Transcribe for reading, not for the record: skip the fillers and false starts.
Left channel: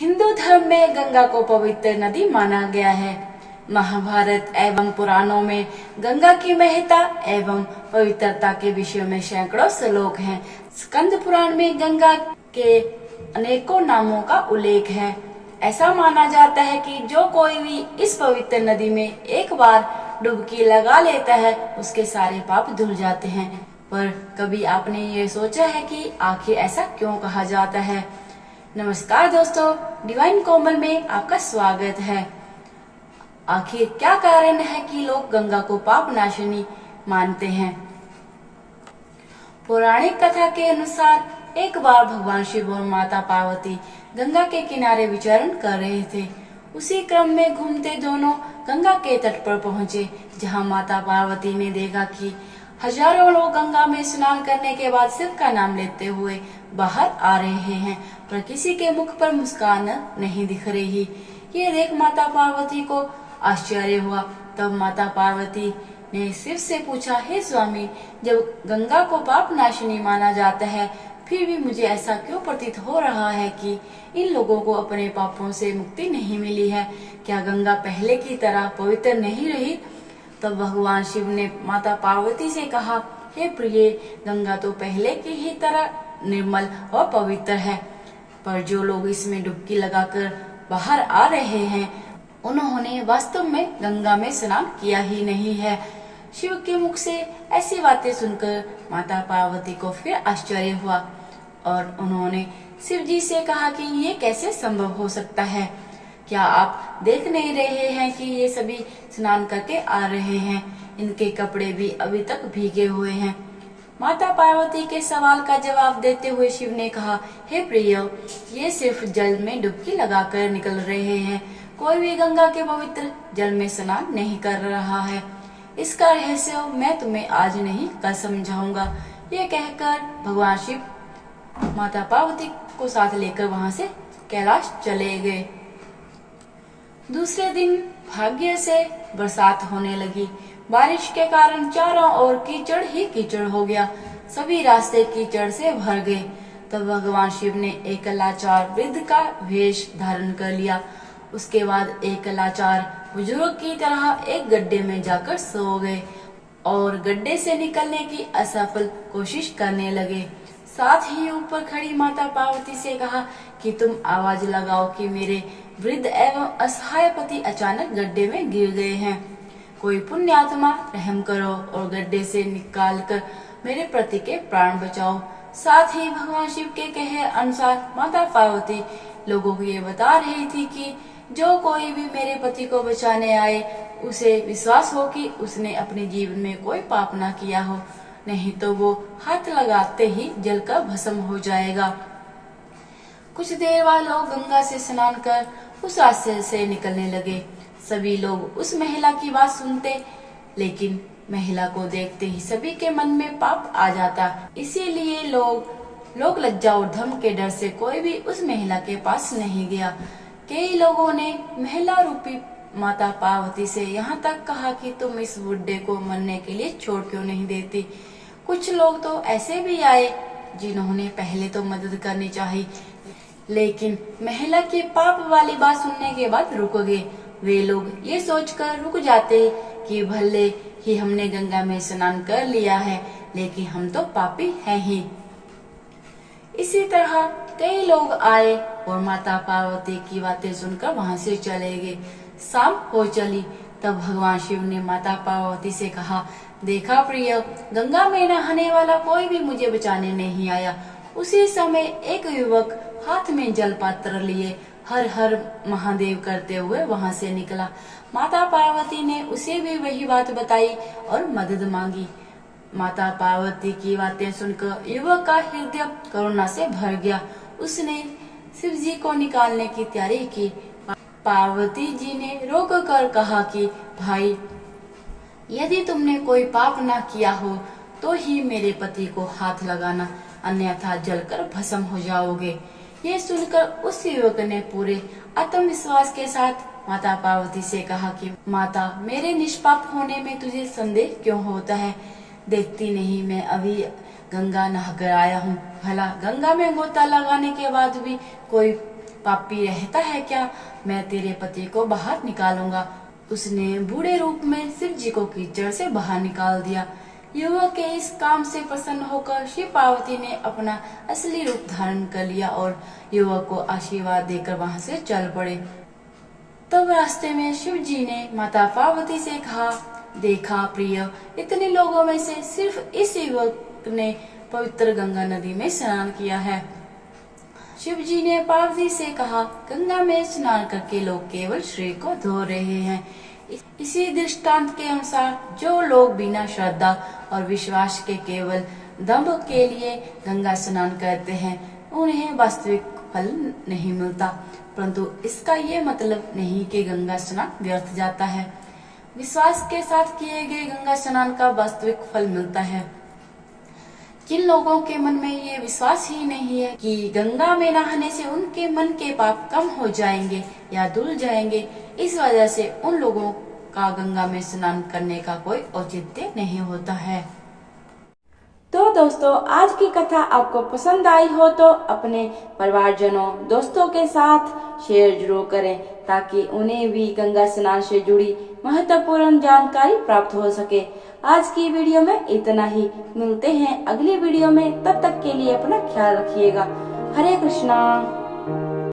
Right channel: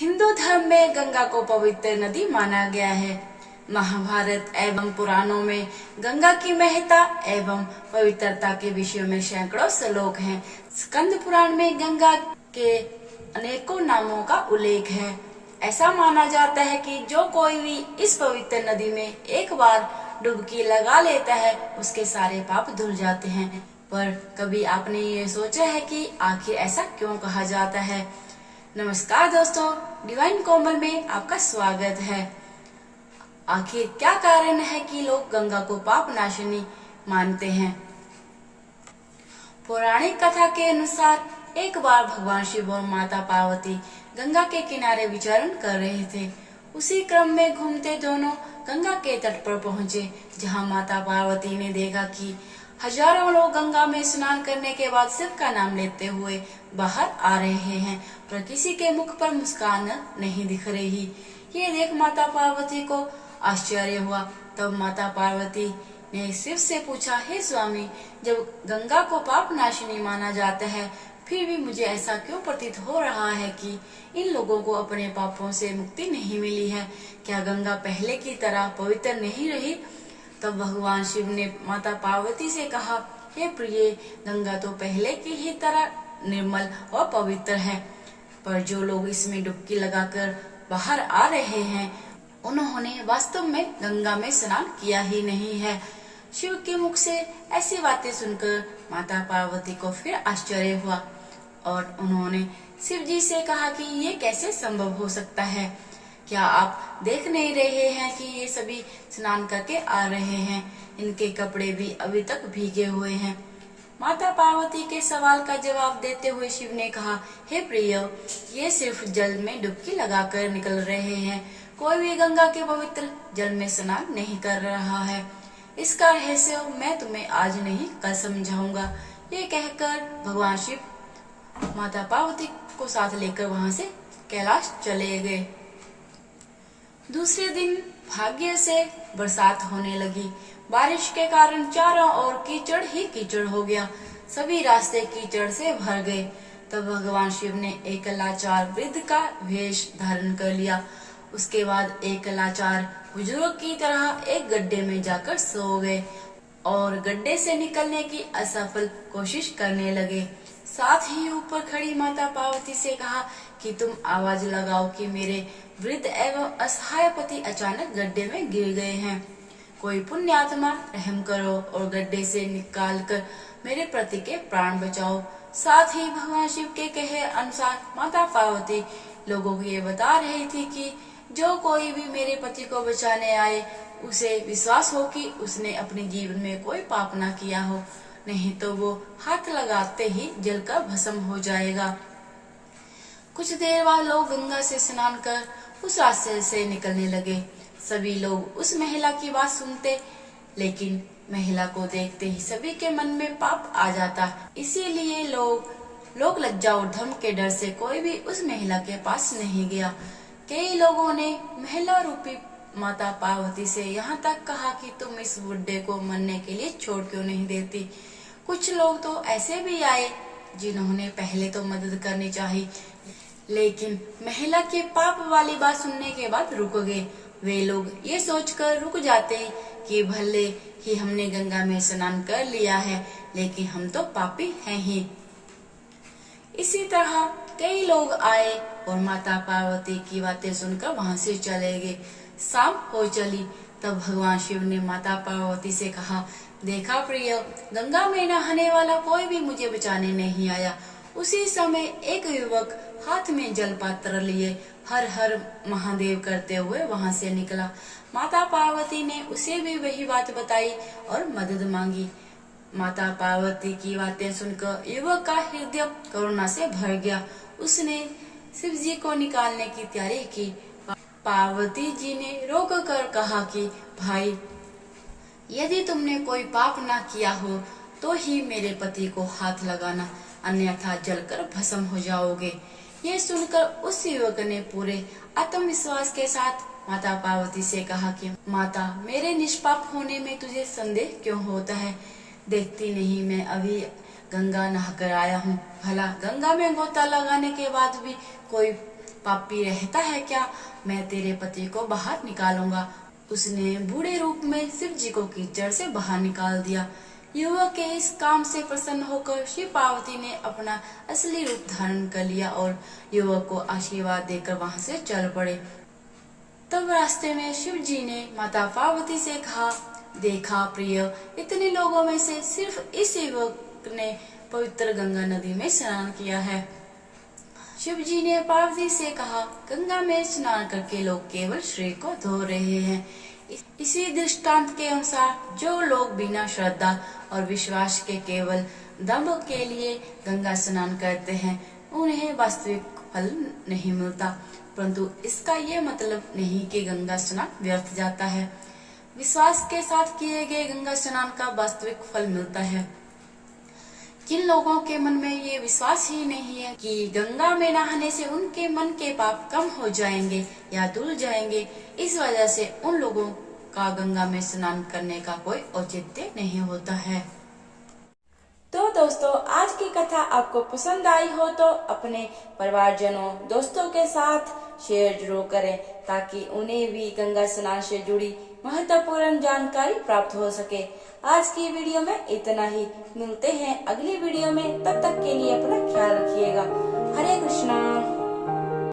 हिंदू धर्म में गंगा को पवित्र नदी माना गया है। महाभारत एवं पुराणों में गंगा की महत्ता एवं पवित्रता के विषय में सैकड़ों श्लोक हैं। स्कंद पुराण में गंगा के अनेकों नामों का उल्लेख है। ऐसा माना जाता है कि जो कोई भी इस पवित्र नदी में एक बार डुबकी लगा लेता है उसके सारे पाप धुल जाते हैं। पर कभी आपने ये सोचा है कि आखिर ऐसा क्यों कहा जाता है? नमस्कार दोस्तों, डिवाइन कोमल में आपका स्वागत है। आखिर क्या कारण है कि लोग गंगा को पाप नाशिनी मानते हैं? पौराणिक कथा के अनुसार एक बार भगवान शिव और माता पार्वती गंगा के किनारे विचरण कर रहे थे। उसी क्रम में घूमते दोनों गंगा के तट पर पहुंचे, जहां माता पार्वती ने देखा कि हजारों लोग गंगा में स्नान करने के बाद शिव का नाम लेते हुए बाहर आ रहे हैं, पर किसी के मुख पर मुस्कान नहीं दिख रही। ये देख माता पार्वती को आश्चर्य हुआ। तब माता पार्वती ने शिव से पूछा, हे स्वामी, जब गंगा को पाप नाशिनी माना जाता है, फिर भी मुझे ऐसा क्यों प्रतीत हो रहा है कि इन लोगों को अपने पापों से मुक्ति नहीं मिली है? क्या गंगा पहले की तरह पवित्र नहीं रही? तब भगवान शिव ने माता पार्वती से कहा, हे प्रिय, गंगा तो पहले की ही तरह निर्मल और पवित्र है, पर जो लोग इसमें डुबकी लगाकर बाहर आ रहे हैं उन्होंने वास्तव में गंगा में स्नान किया ही नहीं है। शिव के मुख से ऐसी बातें सुनकर माता पार्वती को फिर आश्चर्य हुआ और उन्होंने शिव जी से कहा कि ये कैसे संभव हो सकता है? क्या आप देख नहीं रहे हैं कि ये सभी स्नान करके आ रहे हैं? इनके कपड़े भी अभी तक भीगे हुए हैं। माता पार्वती के सवाल का जवाब देते हुए शिव ने कहा, हे प्रिय, ये सिर्फ जल में डुबकी लगाकर निकल रहे हैं। कोई भी गंगा के पवित्र जल में स्नान नहीं कर रहा है। इसका रहस्य मैं तुम्हें आज नहीं कल समझाऊंगा। ये कहकर भगवान शिव माता पार्वती को साथ लेकर वहां से कैलाश चले गए। दूसरे दिन भाग्य से बरसात होने लगी। बारिश के कारण चारों ओर कीचड़ ही कीचड़ हो गया। सभी रास्ते कीचड़ से भर गए। तब भगवान शिव ने एक लाचार वृद्ध का वेश धारण कर लिया। उसके बाद एक लाचार बुजुर्ग की तरह एक गड्ढे में जाकर सो गए और गड्ढे से निकलने की असफल कोशिश करने लगे। साथ ही ऊपर खड़ी माता पार्वती से कहा कि तुम आवाज लगाओ कि मेरे वृद्ध एवं असहाय पति अचानक गड्ढे में गिर गए हैं। कोई पुण्य आत्मा रहम करो और गड्ढे से निकालकर मेरे पति के प्राण बचाओ। साथ ही भगवान शिव के कहे अनुसार माता पार्वती लोगों को ये बता रही थी कि जो कोई भी मेरे पति को बचाने आए उसे विश्वास हो कि उसने अपने जीवन में कोई पाप ना किया हो, नहीं तो वो हाथ लगाते ही जलकर भस्म हो जाएगा। कुछ देर बाद लोग गंगा से स्नान कर उस रास्ते से निकलने लगे। सभी लोग उस महिला की बात सुनते, लेकिन महिला को देखते ही सभी के मन में पाप आ जाता। इसीलिए लोग लज्जा और धर्म के डर से कोई भी उस महिला के पास नहीं गया। कई लोगों ने महिला रूपी माता पार्वती से यहाँ तक कहा कि तुम इस बुड्ढे को मरने के लिए छोड़ क्यों नहीं देती। कुछ लोग तो ऐसे भी आए जिन्होंने पहले तो मदद करनी चाहिए, लेकिन महिला के पाप वाली बात सुनने के बाद रुक गए। वे लोग ये सोचकर रुक जाते कि भले ही हमने गंगा में स्नान कर लिया है, लेकिन हम तो पापी हैं ही। इसी तरह कई लोग आए और माता पार्वती की बातें सुनकर वहां से चले गए। शाम हो चली। तब भगवान शिव ने माता पार्वती से कहा, देखा प्रिय, गंगा में नहाने वाला कोई भी मुझे बचाने नहीं आया। उसी समय एक युवक हाथ में जल पात्र लिए हर हर महादेव करते हुए वहां से निकला। माता पार्वती ने उसे भी वही बात बताई और मदद मांगी। माता पार्वती की बातें सुनकर युवक का हृदय करुणा से भर गया। उसने शिव जी को निकालने की तैयारी की। पार्वती जी ने रोक कर कहा कि भाई, यदि तुमने कोई पाप ना किया हो तो ही मेरे पति को हाथ लगाना, अन्यथा जलकर भस्म हो जाओगे। ये सुनकर उस युवक ने पूरे आत्मविश्वास के साथ माता पार्वती से कहा कि माता, मेरे निष्पाप होने में तुझे संदेह क्यों होता है? देखती नहीं, मैं अभी गंगा नहाकर आया हूँ। भला गंगा में गोता लगाने के बाद भी कोई पापी रहता है क्या? मैं तेरे पति को बाहर निकालूंगा। उसने बूढ़े रूप में शिव जी को कीचड़ से बाहर निकाल दिया। युवक के इस काम से प्रसन्न होकर शिव पार्वती ने अपना असली रूप धारण कर लिया और युवक को आशीर्वाद देकर वहां से चल पड़े। तब रास्ते में शिव जी ने माता पार्वती से कहा, देखा प्रिय, इतने लोगों में से सिर्फ इस युवक ने पवित्र गंगा नदी में स्नान किया है। शिव जी ने पार्वती से कहा, गंगा में स्नान करके लोग केवल शरीर को धो रहे हैं। इसी दृष्टांत के अनुसार जो लोग बिना श्रद्धा और विश्वास के केवल दंभ के लिए गंगा स्नान करते हैं, उन्हें वास्तविक फल नहीं मिलता। परंतु इसका ये मतलब नहीं कि गंगा स्नान व्यर्थ जाता है। विश्वास के साथ किए गए गंगा स्नान का वास्तविक फल मिलता है। जिन लोगों के मन में ये विश्वास ही नहीं है कि गंगा में नहाने से उनके मन के पाप कम हो जाएंगे या धुल जाएंगे, इस वजह से उन लोगों का गंगा में स्नान करने का कोई औचित्य नहीं होता है। तो दोस्तों, आज की कथा आपको पसंद आई हो तो अपने परिवारजनों, दोस्तों के साथ शेयर जरूर करें ताकि उन्हें भी गंगा स्नान से जुड़ी महत्वपूर्ण जानकारी प्राप्त हो सके। आज की वीडियो में इतना ही। मिलते हैं अगली वीडियो में, तब तक के लिए अपना ख्याल रखिएगा। हरे कृष्णा।